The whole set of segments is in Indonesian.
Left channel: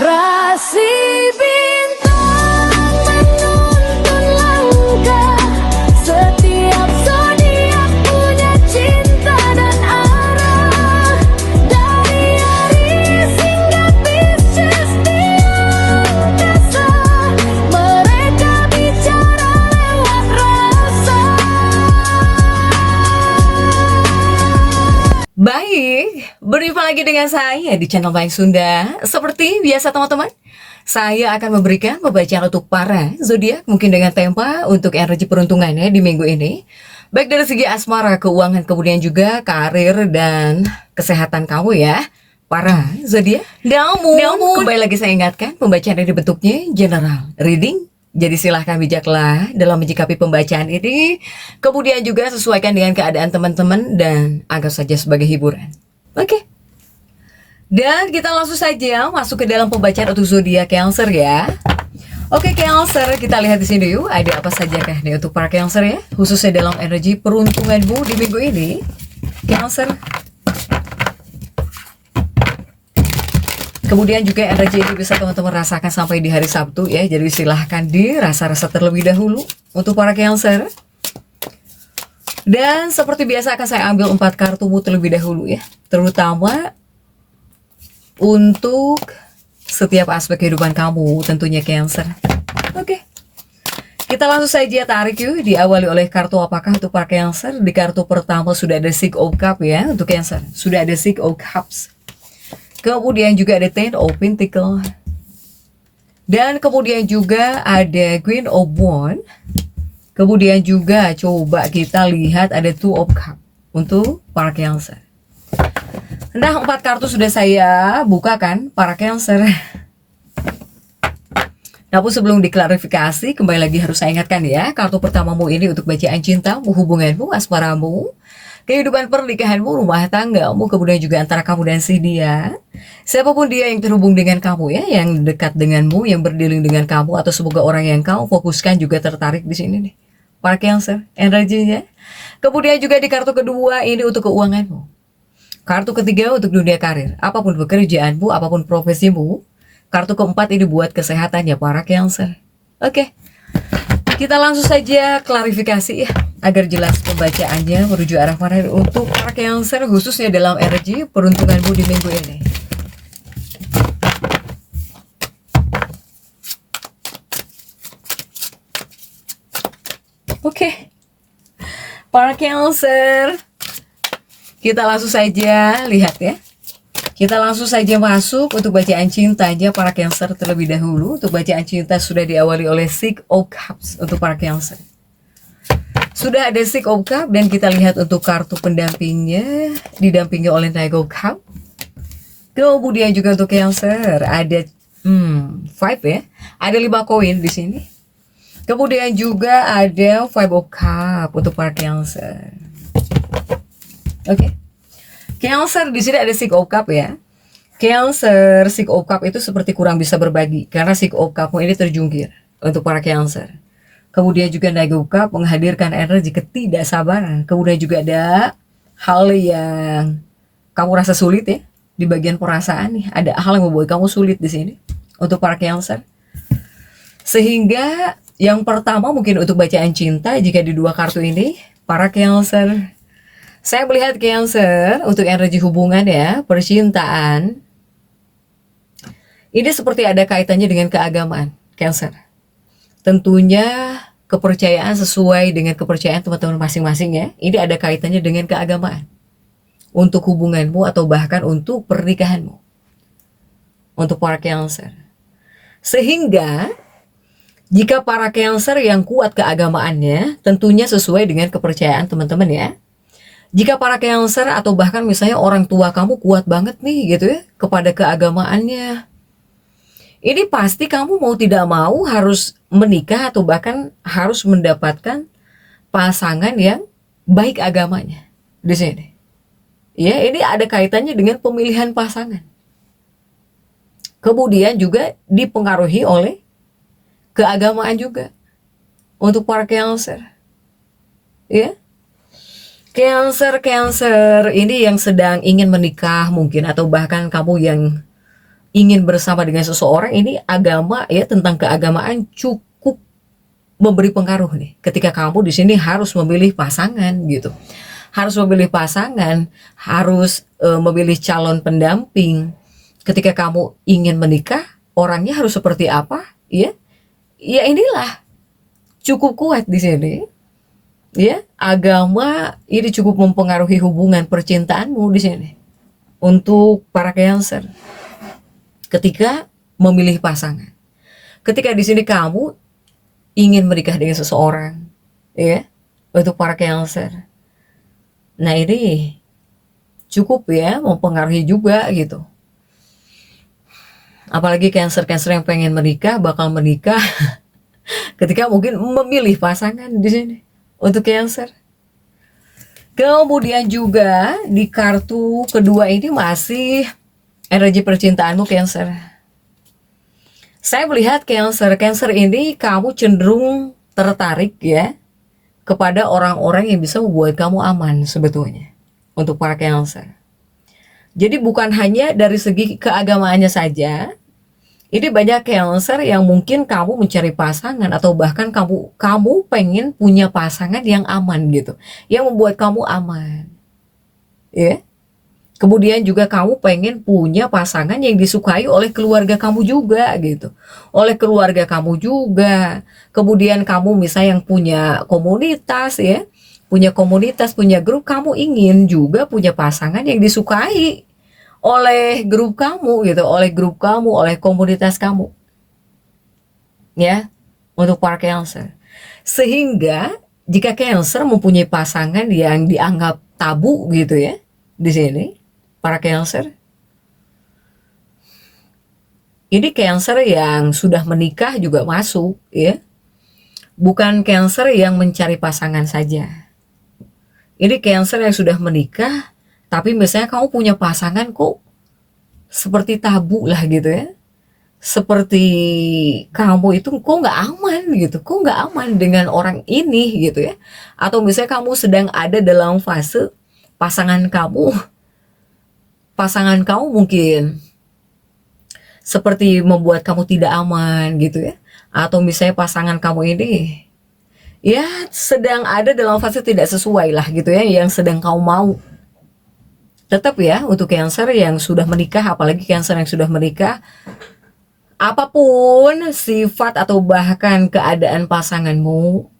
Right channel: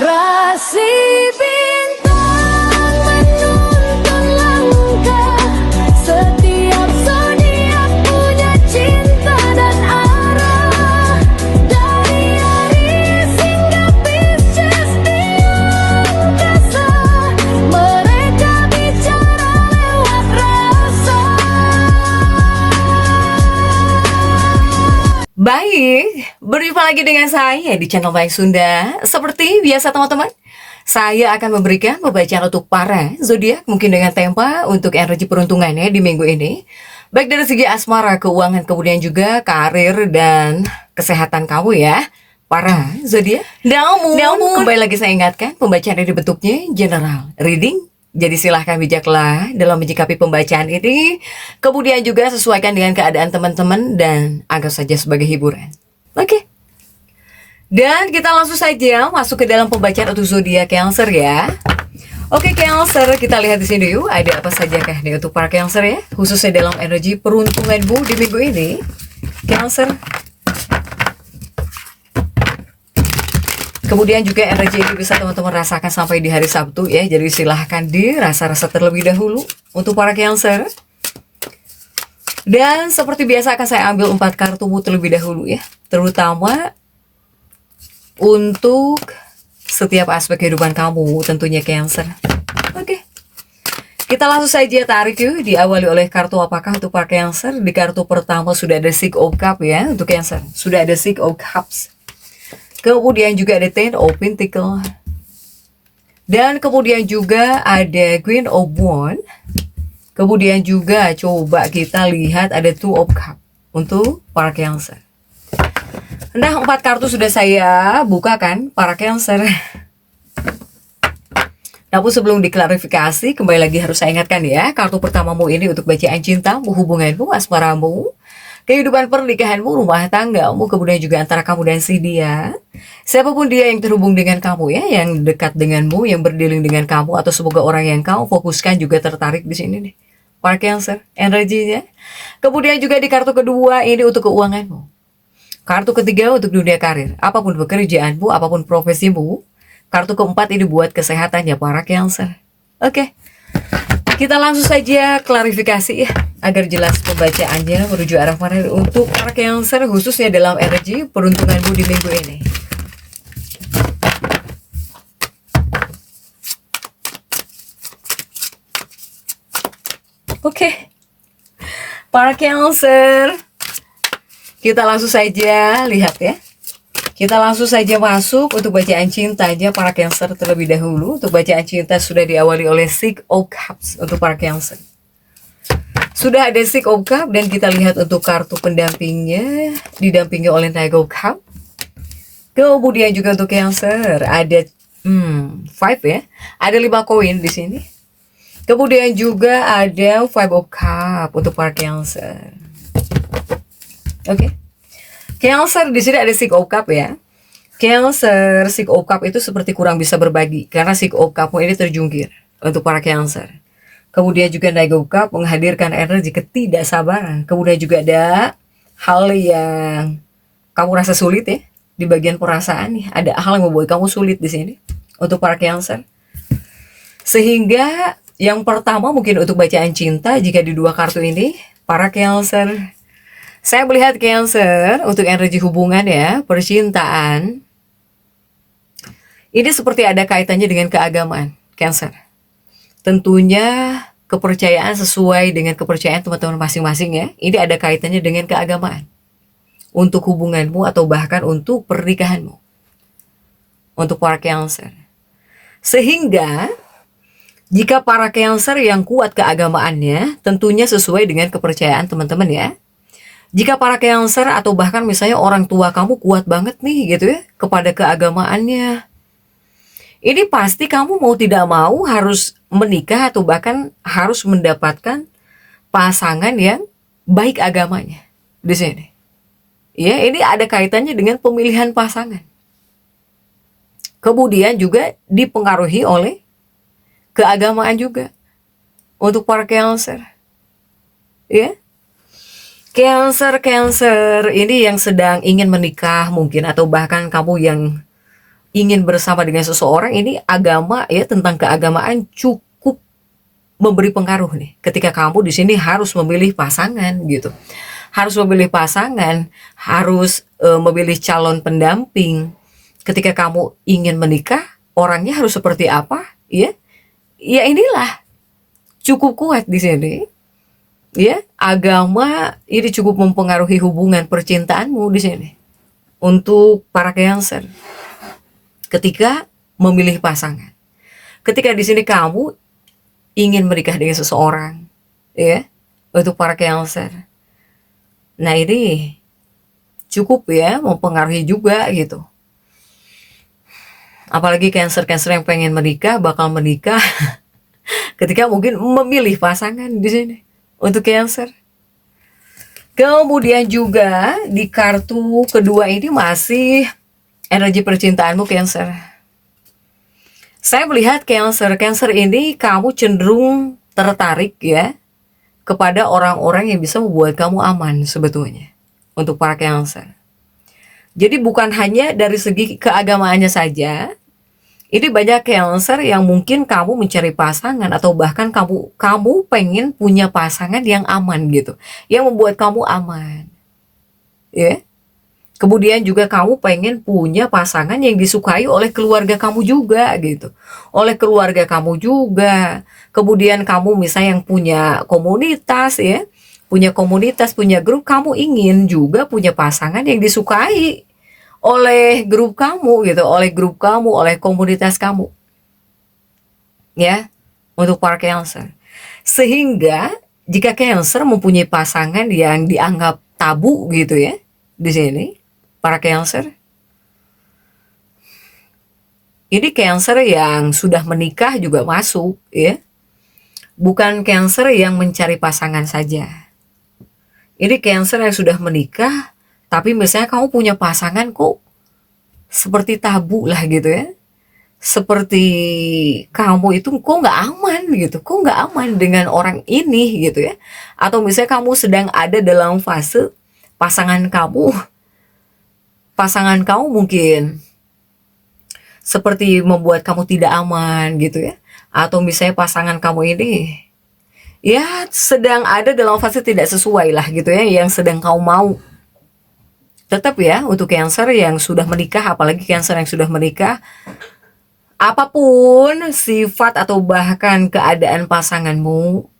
Rasi bintang menuntun langkah, setiap zodiak punya cinta dan arah. Dari Aries hingga Pisces di angkasa, mereka bicara lewat rasa. Baik, berjumpa lagi dengan saya di channel Baik Sunda. Seperti biasa teman-teman, saya akan memberikan pembacaan untuk para zodiak mungkin dengan tema untuk energi peruntungannya di minggu ini. Baik dari segi asmara, keuangan, kemudian juga karir dan kesehatan kamu ya. Para zodiak. Namun, kembali lagi saya ingatkan, pembacaan ini bentuknya general reading. Jadi silahkan bijaklah dalam menyikapi pembacaan ini. Kemudian juga sesuaikan dengan keadaan teman-teman dan anggap saja sebagai hiburan. Oke. Dan kita langsung saja masuk ke dalam pembacaan untuk zodiak Cancer ya. Oke Cancer, kita lihat di sini yuk, ada apa saja kah nih untuk para Cancer ya, khususnya dalam energi peruntunganmu di minggu ini. Cancer. Kemudian juga energi ini bisa teman-teman rasakan sampai di hari Sabtu ya. Jadi silahkan dirasa-rasa terlebih dahulu untuk para Cancer. Dan seperti biasa akan saya ambil 4 kartumu terlebih dahulu ya. Terutama untuk setiap aspek kehidupan kamu tentunya Cancer. Oke. Kita langsung saja tarik yuk. Diawali oleh kartu apakah untuk para Cancer. Di kartu pertama sudah ada Six of Cups ya untuk Cancer. Sudah ada Six of Cups. Kemudian juga ada Ten of Pentacles. Dan kemudian juga ada Queen of Wands. Kemudian juga coba kita lihat ada Two of Cups untuk para Cancer. Nah, 4 kartu sudah saya buka kan para Cancer. Namun sebelum diklarifikasi, kembali lagi harus saya ingatkan ya, kartu pertamamu ini untuk bacaan cintamu, hubunganmu, asmaramu, kehidupan pernikahanmu, rumah tanggamu, kemudian juga antara kamu dan si dia. Siapapun dia yang terhubung dengan kamu ya, yang dekat denganmu, yang berdealing dengan kamu, atau semoga orang yang kau fokuskan juga tertarik di sini nih. Para Cancer, energinya. Kemudian juga di kartu kedua ini untuk keuanganmu. Kartu ketiga untuk dunia karir, apapun pekerjaanmu, apapun profesimu. Kartu keempat ini buat kesehatannya para Cancer. Oke. Kita langsung saja klarifikasi ya, agar jelas pembacaannya menuju arah mana untuk para Cancer, khususnya dalam energi peruntunganmu di minggu ini. Oke. Para Cancer, kita langsung saja lihat ya. Kita langsung saja masuk untuk bacaan cintanya para Cancer terlebih dahulu. Untuk bacaan cinta sudah diawali oleh Six of Cups untuk para Cancer. Sudah ada Six of Cups dan kita lihat untuk kartu pendampingnya didampingi oleh Knight of Cups. Kemudian juga untuk Cancer ada 5 ya. Ada 5 koin di sini. Kemudian juga ada Five of Cups untuk para Cancer. Oke. Cancer di sini ada Six of Cups ya. Cancer, Six of Cups itu seperti kurang bisa berbagi karena Six of Cups ini terjungkir untuk para Cancer. Kemudian juga Knight of Cups menghadirkan energi ketidaksabaran. Kemudian juga ada hal yang kamu rasa sulit ya di bagian perasaan nih. Ada hal yang membuat kamu sulit di sini untuk para Cancer. Sehingga yang pertama mungkin untuk bacaan cinta, jika di 2 kartu ini para Cancer, saya melihat Cancer untuk energi hubungan ya, percintaan. Ini seperti ada kaitannya dengan keagamaan, Cancer. Tentunya kepercayaan sesuai dengan kepercayaan teman-teman masing-masing ya. Ini ada kaitannya dengan keagamaan. Untuk hubunganmu atau bahkan untuk pernikahanmu. Untuk para Cancer. Sehingga jika para Cancer yang kuat keagamaannya, tentunya sesuai dengan kepercayaan teman-teman ya. Jika para Cancer atau bahkan misalnya orang tua kamu kuat banget nih gitu ya kepada keagamaannya, ini pasti kamu mau tidak mau harus menikah atau bahkan harus mendapatkan pasangan yang baik agamanya di sini. Ya, ini ada kaitannya dengan pemilihan pasangan. Kemudian juga dipengaruhi oleh keagamaan juga untuk para Cancer. Ya. Cancer ini yang sedang ingin menikah mungkin, atau bahkan kamu yang ingin bersama dengan seseorang, ini agama ya, tentang keagamaan cukup memberi pengaruh nih. Ketika kamu di sini harus memilih pasangan gitu. Harus memilih pasangan, harus memilih calon pendamping. Ketika kamu ingin menikah, orangnya harus seperti apa? Ya, ya inilah cukup kuat di sini. Ya, agama ini cukup mempengaruhi hubungan percintaanmu di sini. Untuk para Cancer, ketika memilih pasangan, ketika di sini kamu ingin menikah dengan seseorang, ya, untuk para Cancer. Nah ini cukup ya mempengaruhi juga gitu. Apalagi Cancer yang pengen menikah, bakal menikah ketika mungkin memilih pasangan di sini untuk Cancer. Kemudian juga di kartu kedua ini masih energi percintaanmu Cancer. Saya melihat Cancer ini kamu cenderung tertarik ya kepada orang-orang yang bisa membuat kamu aman sebetulnya untuk para Cancer. Jadi bukan hanya dari segi keagamaannya saja. Ini banyak Cancer yang mungkin kamu mencari pasangan atau bahkan kamu pengen punya pasangan yang aman gitu, yang membuat kamu aman. Ya. Kemudian juga kamu pengen punya pasangan yang disukai oleh keluarga kamu juga gitu. Oleh keluarga kamu juga. Kemudian kamu misalnya yang punya komunitas ya, punya komunitas, punya grup, kamu ingin juga punya pasangan yang disukai oleh grup kamu gitu, oleh komunitas kamu. Ya, untuk para Cancer. Sehingga jika Cancer mempunyai pasangan yang dianggap tabu gitu ya, di sini para Cancer. Ini Cancer yang sudah menikah juga masuk ya. Bukan Cancer yang mencari pasangan saja. Ini Cancer yang sudah menikah, tapi misalnya kamu punya pasangan kok seperti tabu lah gitu ya. Seperti kamu itu kok nggak aman gitu, kok nggak aman dengan orang ini gitu ya. Atau misalnya kamu sedang ada dalam fase pasangan kamu mungkin seperti membuat kamu tidak aman gitu ya. Atau misalnya pasangan kamu ini ya sedang ada dalam fase tidak sesuai lah gitu ya, yang sedang kamu mau. Tetap ya untuk Cancer yang sudah menikah, apalagi Cancer yang sudah menikah, apapun sifat atau bahkan keadaan pasanganmu,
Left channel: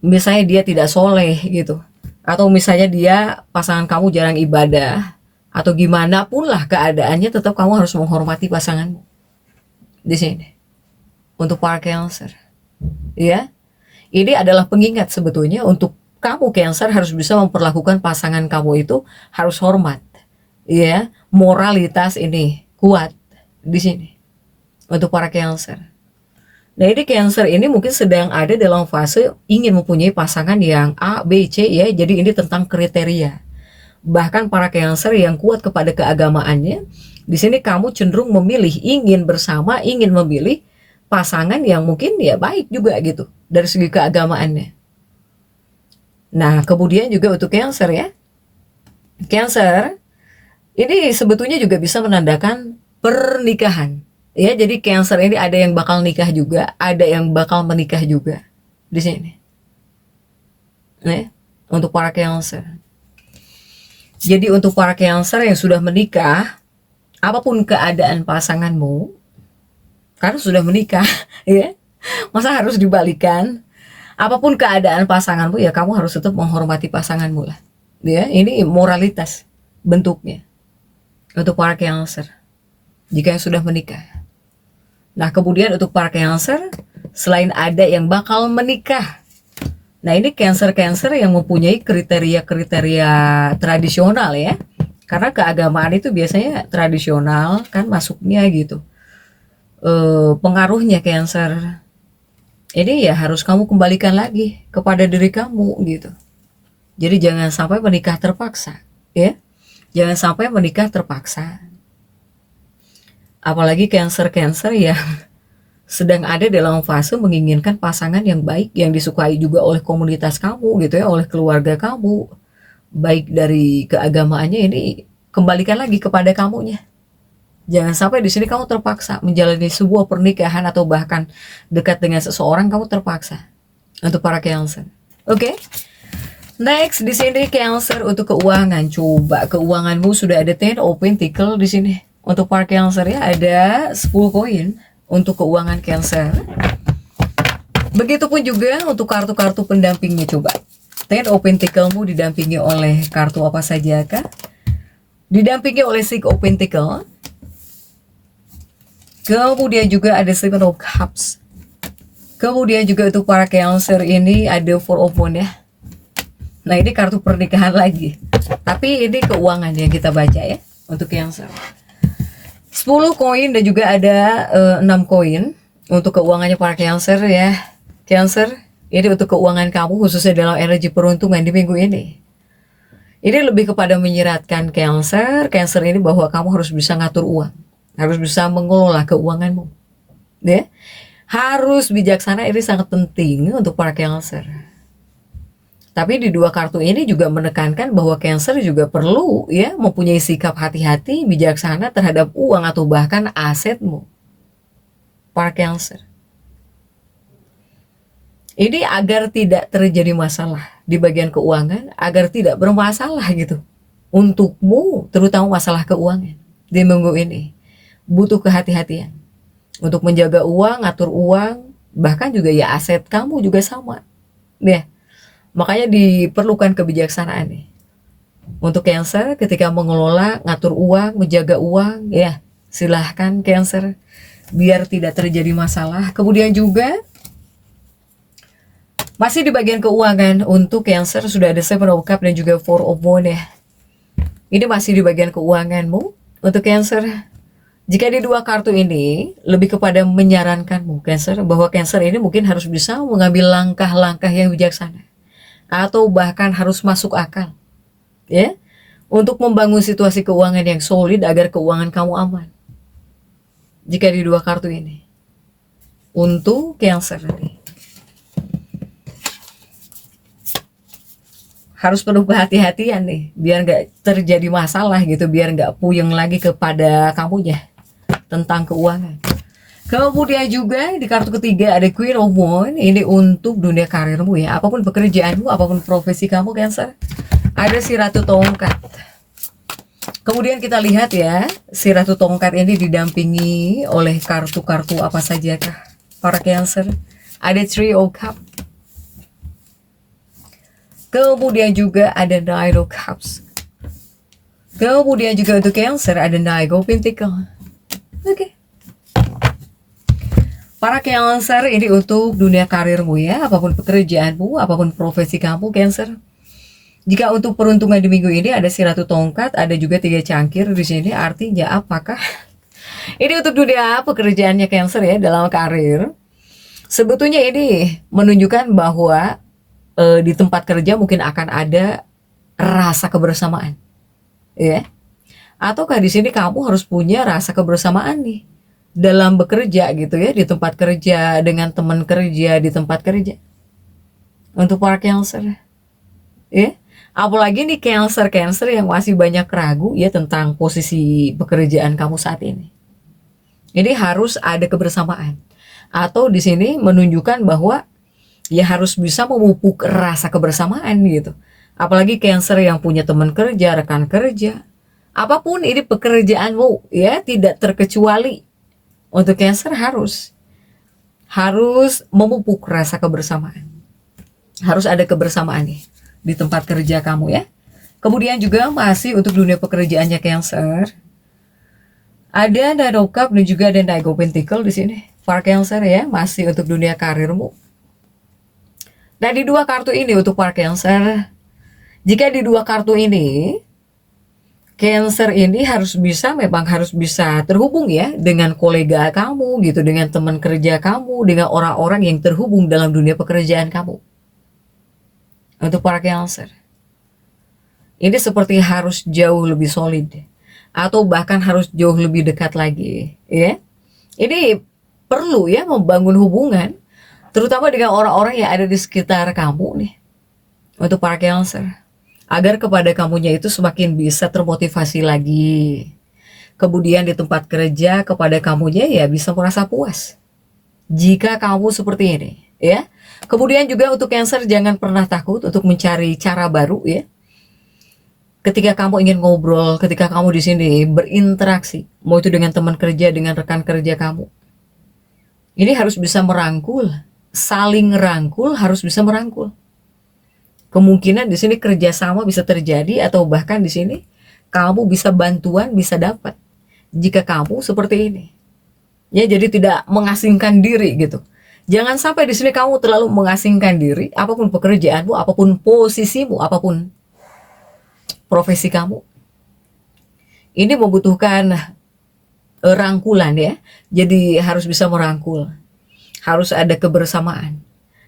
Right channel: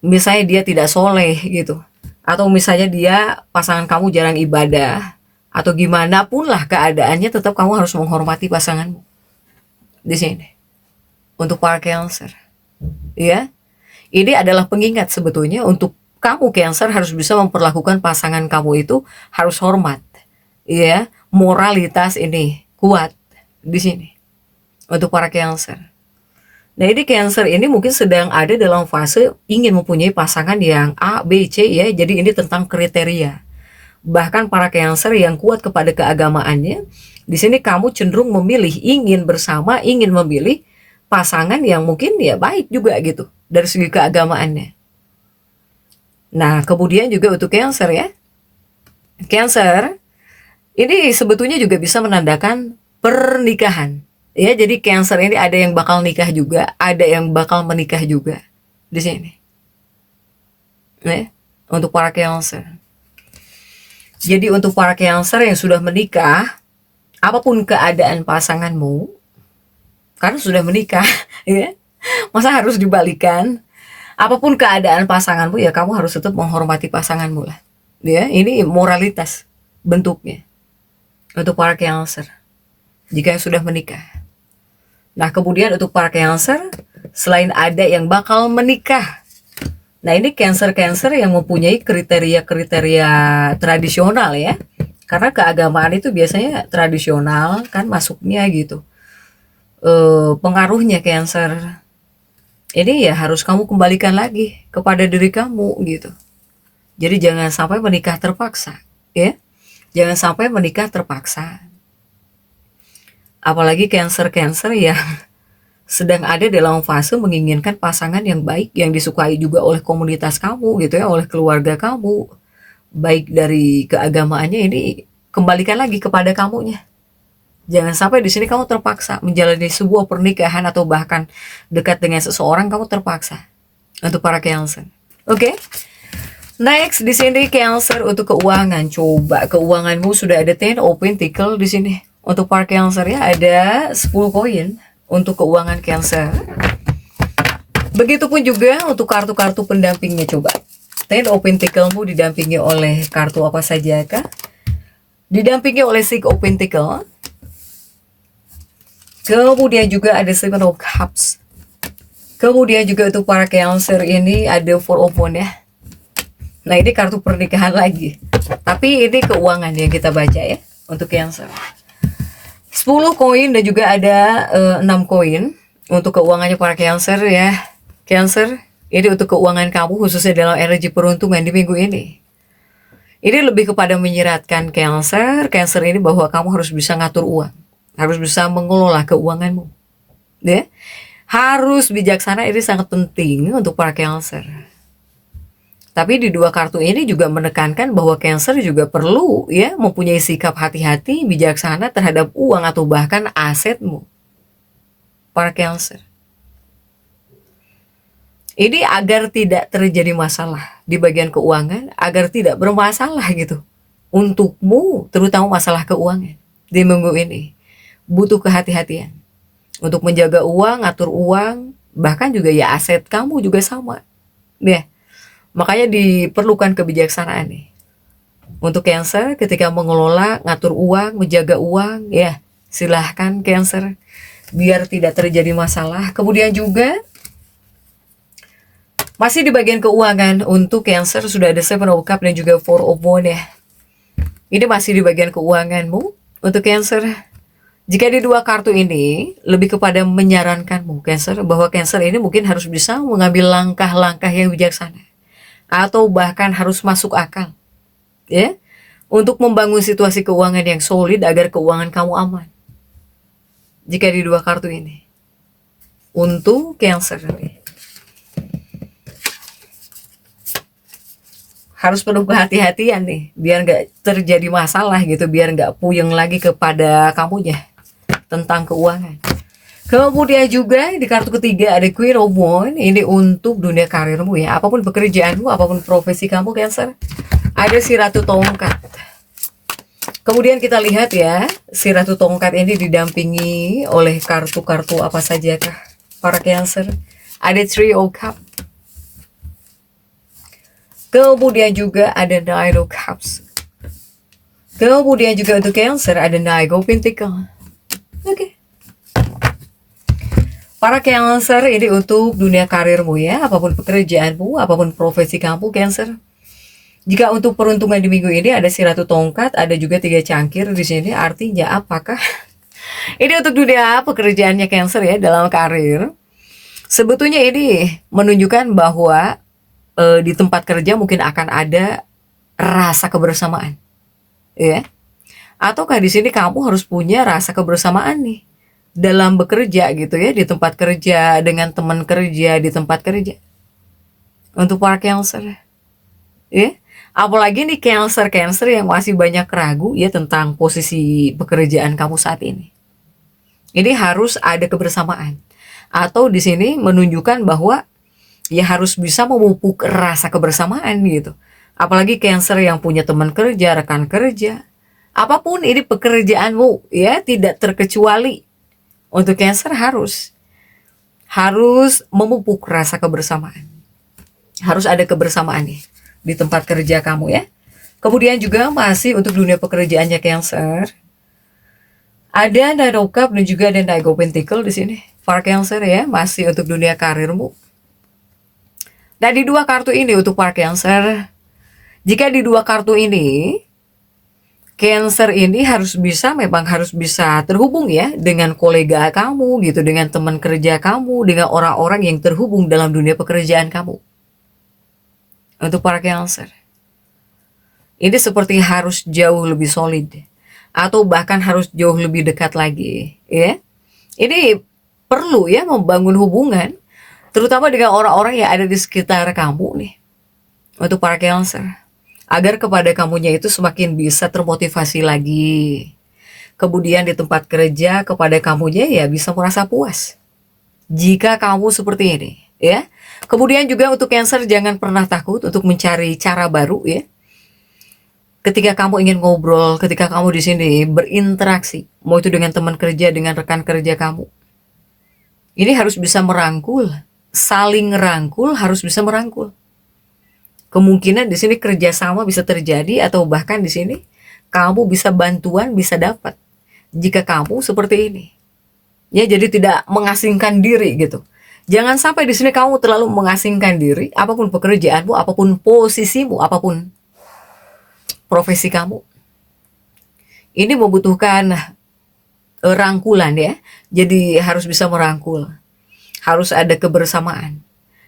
misalnya dia tidak soleh gitu, atau misalnya dia pasangan kamu jarang ibadah, atau gimana pun lah keadaannya, tetap kamu harus menghormati pasanganmu di sini. Untuk para Cancer, ya, ini adalah pengingat sebetulnya untuk kamu Cancer harus bisa memperlakukan pasangan kamu itu harus hormat, ya, moralitas ini kuat di sini untuk para Cancer. Nah ini Cancer ini mungkin sedang ada dalam fase ingin mempunyai pasangan yang A, B, C ya. Jadi ini tentang kriteria. Bahkan para Cancer yang kuat kepada keagamaannya, di sini kamu cenderung ingin memilih pasangan yang mungkin ya baik juga gitu dari segi keagamaannya. Nah, kemudian juga untuk Cancer ya. Cancer ini sebetulnya juga bisa menandakan pernikahan. Ya, jadi Cancer ini ada yang bakal nikah juga, ada yang bakal menikah juga di sini. Ya, untuk para Cancer. Jadi untuk para Cancer yang sudah menikah, apapun keadaan pasanganmu, karena sudah menikah, ya, masa harus dibalikan? Apapun keadaan pasanganmu ya kamu harus tetap menghormati pasanganmu lah. Ya, ini moralitas bentuknya untuk para Cancer jika yang sudah menikah. Nah, kemudian untuk para Cancer, selain ada yang bakal menikah, nah ini Cancer yang mempunyai kriteria tradisional ya. Karena keagamaan itu biasanya tradisional kan masuknya gitu. Pengaruhnya Cancer ini ya harus kamu kembalikan lagi kepada diri kamu gitu. Jadi jangan sampai menikah terpaksa ya. Jangan sampai menikah terpaksa. Apalagi Cancer yang sedang ada dalam fase menginginkan pasangan yang baik, yang disukai juga oleh komunitas kamu gitu ya, oleh keluarga kamu. Baik dari keagamaannya, ini kembalikan lagi kepada kamunya Jangan sampai di sini kamu terpaksa menjalani sebuah pernikahan atau bahkan dekat dengan seseorang, kamu terpaksa. Untuk para Cancer. Oke. Next di sini Cancer untuk keuangan. Coba keuanganmu sudah ada 10 of Pentacles di sini. Untuk para Cancer ya ada 10 koin untuk keuangan Cancer. Begitupun juga untuk kartu-kartu pendampingnya, coba. 10 of Pentaclesmu didampingi oleh kartu apa saja kah? Didampingi oleh Six of Pentacles. Kemudian juga ada Seven of Cups. Kemudian juga untuk para Cancer ini ada Four of Wands ya. Nah ini kartu pernikahan lagi. Tapi ini keuangan yang kita baca ya untuk Cancer. 10 koin dan juga ada 6 koin untuk keuangannya para Cancer ya. Cancer, ini untuk keuangan kamu khususnya dalam energi peruntungan di minggu ini. Ini lebih kepada menyeratkan Cancer. Cancer ini bahwa kamu harus bisa ngatur uang. Harus bisa mengelola keuanganmu. Ya. Harus bijaksana, ini sangat penting untuk para Cancer. Tapi di dua kartu ini juga menekankan bahwa Cancer juga perlu ya mempunyai sikap hati-hati, bijaksana terhadap uang atau bahkan asetmu. Para Cancer. Ini agar tidak terjadi masalah di bagian keuangan, agar tidak bermasalah gitu. Untukmu, terutama masalah keuangan di minggu ini. Butuh kehati-hatian. Untuk menjaga uang, ngatur uang, bahkan juga ya aset kamu juga sama. Ya, makanya diperlukan kebijaksanaan nih. Untuk Cancer ketika mengelola, ngatur uang, menjaga uang, ya silahkan Cancer. Biar tidak terjadi masalah. Kemudian juga masih di bagian keuangan untuk Cancer sudah ada Seven of Cups dan juga Four of Wands ya. Ini masih di bagian keuanganmu untuk Cancer. Jika di dua kartu ini lebih kepada menyarankanmu Cancer bahwa Cancer ini mungkin harus bisa mengambil langkah-langkah yang bijaksana atau bahkan harus masuk akal ya untuk membangun situasi keuangan yang solid agar keuangan kamu aman. Jika di dua kartu ini untuk Cancer harus penuh kehati-hatian nih biar nggak terjadi masalah gitu, biar nggak puyeng lagi kepada kamunya tentang keuangan. Kemudian juga di kartu ketiga ada Queen of Wands. Ini untuk dunia karirmu ya, apapun pekerjaanmu, apapun profesi kamu Cancer. Ada si Ratu Tongkat. Kemudian kita lihat ya, si Ratu Tongkat ini didampingi oleh kartu-kartu apa saja kah para Cancer. Ada Three of Cups. Kemudian juga ada Nine of Cups. Kemudian juga untuk Cancer ada Nine of Pentacles. Oke. Para Cancer ini untuk dunia karirmu ya, apapun pekerjaanmu, apapun profesi kamu Cancer. Jika untuk peruntungan di minggu ini ada si Ratu Tongkat, ada juga 3 cangkir di sini. Artinya apakah ini untuk dunia pekerjaannya Cancer ya dalam karir? Sebetulnya ini menunjukkan bahwa di tempat kerja mungkin akan ada rasa kebersamaan, ya. Ataukah di sini kamu harus punya rasa kebersamaan nih dalam bekerja gitu ya, di tempat kerja, dengan teman kerja di tempat kerja. Untuk para Cancer, ya. Apalagi nih Cancer yang masih banyak ragu ya tentang posisi pekerjaan kamu saat ini. Ini harus ada kebersamaan. Atau di sini menunjukkan bahwa ya harus bisa memupuk rasa kebersamaan gitu. Apalagi Cancer yang punya teman kerja, rekan kerja. Apapun ini pekerjaanmu ya, tidak terkecuali. Untuk Cancer harus memupuk rasa kebersamaan. Harus ada kebersamaan nih di tempat kerja kamu ya. Kemudian juga masih untuk dunia pekerjaannya Cancer. Ada Nine of Cups dan juga ada Nine of Pentacles di sini. Para Cancer ya, masih untuk dunia karirmu. Nah di dua kartu ini untuk para Cancer, jika di dua kartu ini Cancer ini memang harus bisa terhubung ya dengan kolega kamu gitu, dengan teman kerja kamu, dengan orang-orang yang terhubung dalam dunia pekerjaan kamu. Untuk para Cancer, ini seperti harus jauh lebih solid atau bahkan harus jauh lebih dekat lagi ya. Ini perlu ya membangun hubungan terutama dengan orang-orang yang ada di sekitar kamu nih. Untuk para Cancer, agar kepada kamunya itu semakin bisa termotivasi lagi. kemudian di tempat kerja kepada kamunya ya bisa merasa puas. Jika kamu seperti ini, ya. Kemudian juga untuk Cancer, jangan pernah takut untuk mencari cara baru, ya. Ketika kamu ingin ngobrol, ketika kamu di sini berinteraksi, mau itu dengan teman kerja, dengan rekan kerja kamu, ini harus bisa merangkul, saling rangkul, harus bisa merangkul. Kemungkinan di sini kerjasama bisa terjadi, atau bahkan di sini kamu bisa bantuan, bisa dapat jika kamu seperti ini. Ya, jadi tidak mengasingkan diri gitu. Jangan sampai di sini kamu terlalu mengasingkan diri, apapun pekerjaanmu, apapun posisimu, apapun profesi kamu. Ini membutuhkan rangkulan, ya. Jadi harus bisa merangkul. Harus ada kebersamaan.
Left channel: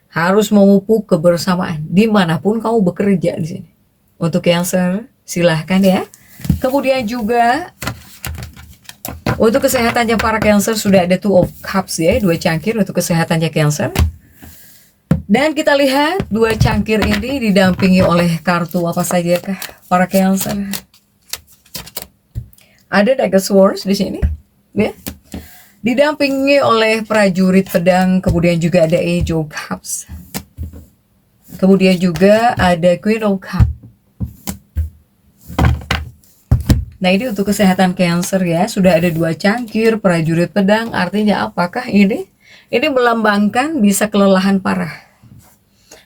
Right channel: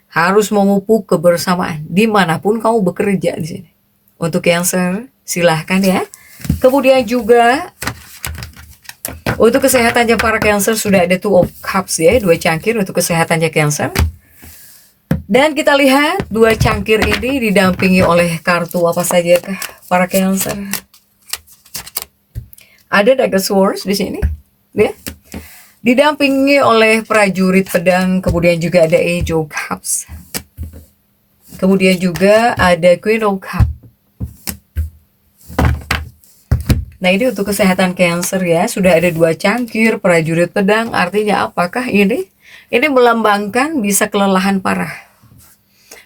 Harus memupuk kebersamaan dimanapun kamu bekerja di sini. Untuk Cancer, silahkan ya. Kemudian juga untuk kesehatannya para Cancer sudah ada Two of Cups, ya, 2 cangkir untuk kesehatannya Cancer. Dan kita lihat 2 cangkir ini didampingi oleh kartu apa saja kah para Cancer? Ada Dagger Swords di sini, ya. Didampingi oleh prajurit pedang, kemudian juga ada Age of Cups. Kemudian juga ada Queen of Cups. Nah, ini untuk kesehatan Cancer, ya. Sudah ada 2 cangkir prajurit pedang. Artinya apakah ini? Ini melambangkan bisa kelelahan parah.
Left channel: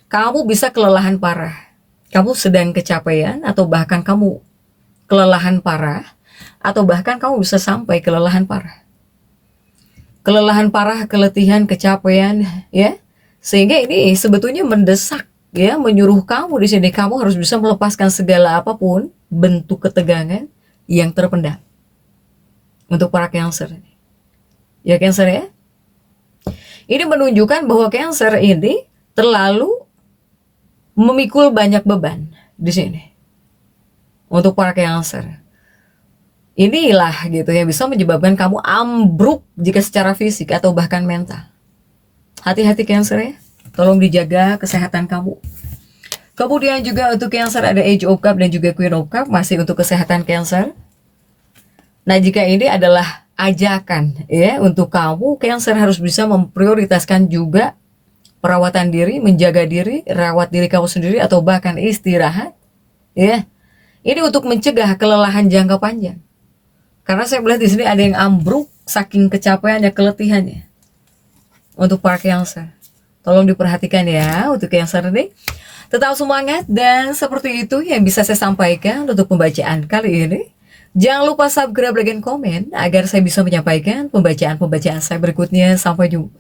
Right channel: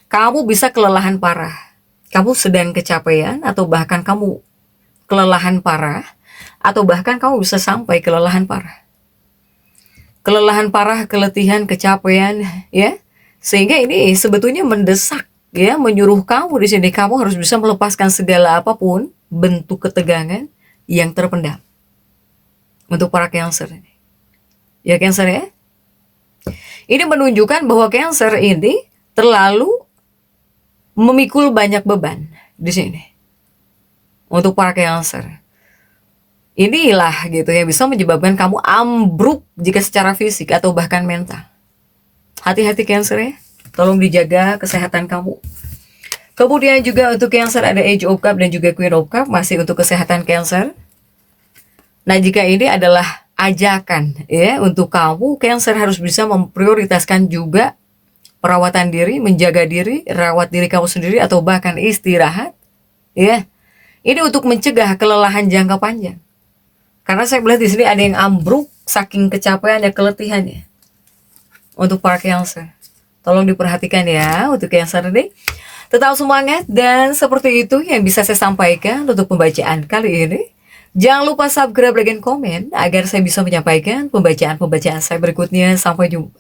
Kamu bisa kelelahan parah. Kamu sedang kecapean, atau bahkan kamu kelelahan parah, atau bahkan kamu bisa sampai kelelahan parah. Kelelahan parah, keletihan, kecapean, ya. Sehingga ini sebetulnya mendesak, ya, menyuruh kamu di sini kamu harus bisa melepaskan segala apapun bentuk ketegangan yang terpendam. Untuk para Cancer ini. Ya, Cancer, ya. Ini menunjukkan bahwa Cancer ini terlalu memikul banyak beban di sini. Untuk para Cancer. Inilah gitu yang bisa menyebabkan kamu ambruk jika secara fisik atau bahkan mental. Hati-hati Cancer, ya. Tolong dijaga kesehatan kamu. Kemudian juga untuk Cancer ada Age of Cups dan juga Queen of Cups, masih untuk kesehatan Cancer. Nah, jika ini adalah ajakan, ya, untuk kamu Cancer harus bisa memprioritaskan juga perawatan diri, menjaga diri, rawat diri kamu sendiri, atau bahkan istirahat, ya. Ini untuk mencegah kelelahan jangka panjang. Karena saya melihat di sini ada yang ambruk saking kecapean dan keletihannya. Untuk para Cancer, tolong diperhatikan ya untuk Cancer ini. Tetap semangat, dan seperti itu yang bisa saya sampaikan untuk pembacaan kali ini. Jangan lupa subscribe, like, dan komen agar saya bisa menyampaikan pembacaan-pembacaan saya berikutnya. Sampai jumpa.